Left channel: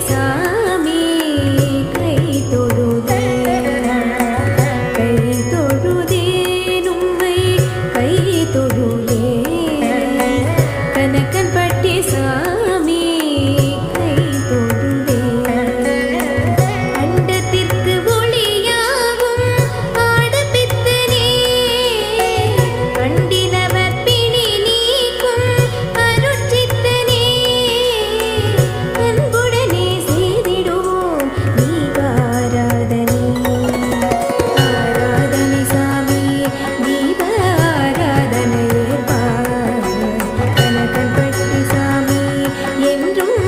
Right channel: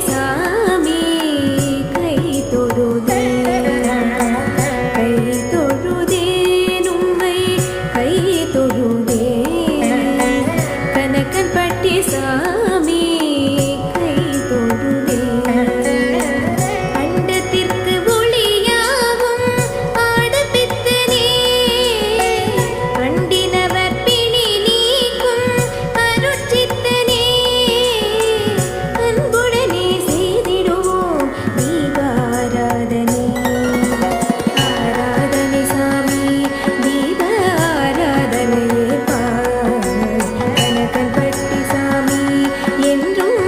சாமி கை தொழுதே. கை தொழுதே உம்மை கை தொழுதே. கனக்கன் பட்டி சாமி என்றும்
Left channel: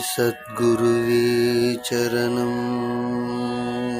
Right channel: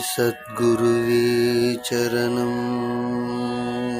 सद्गुरुवे चरणम्।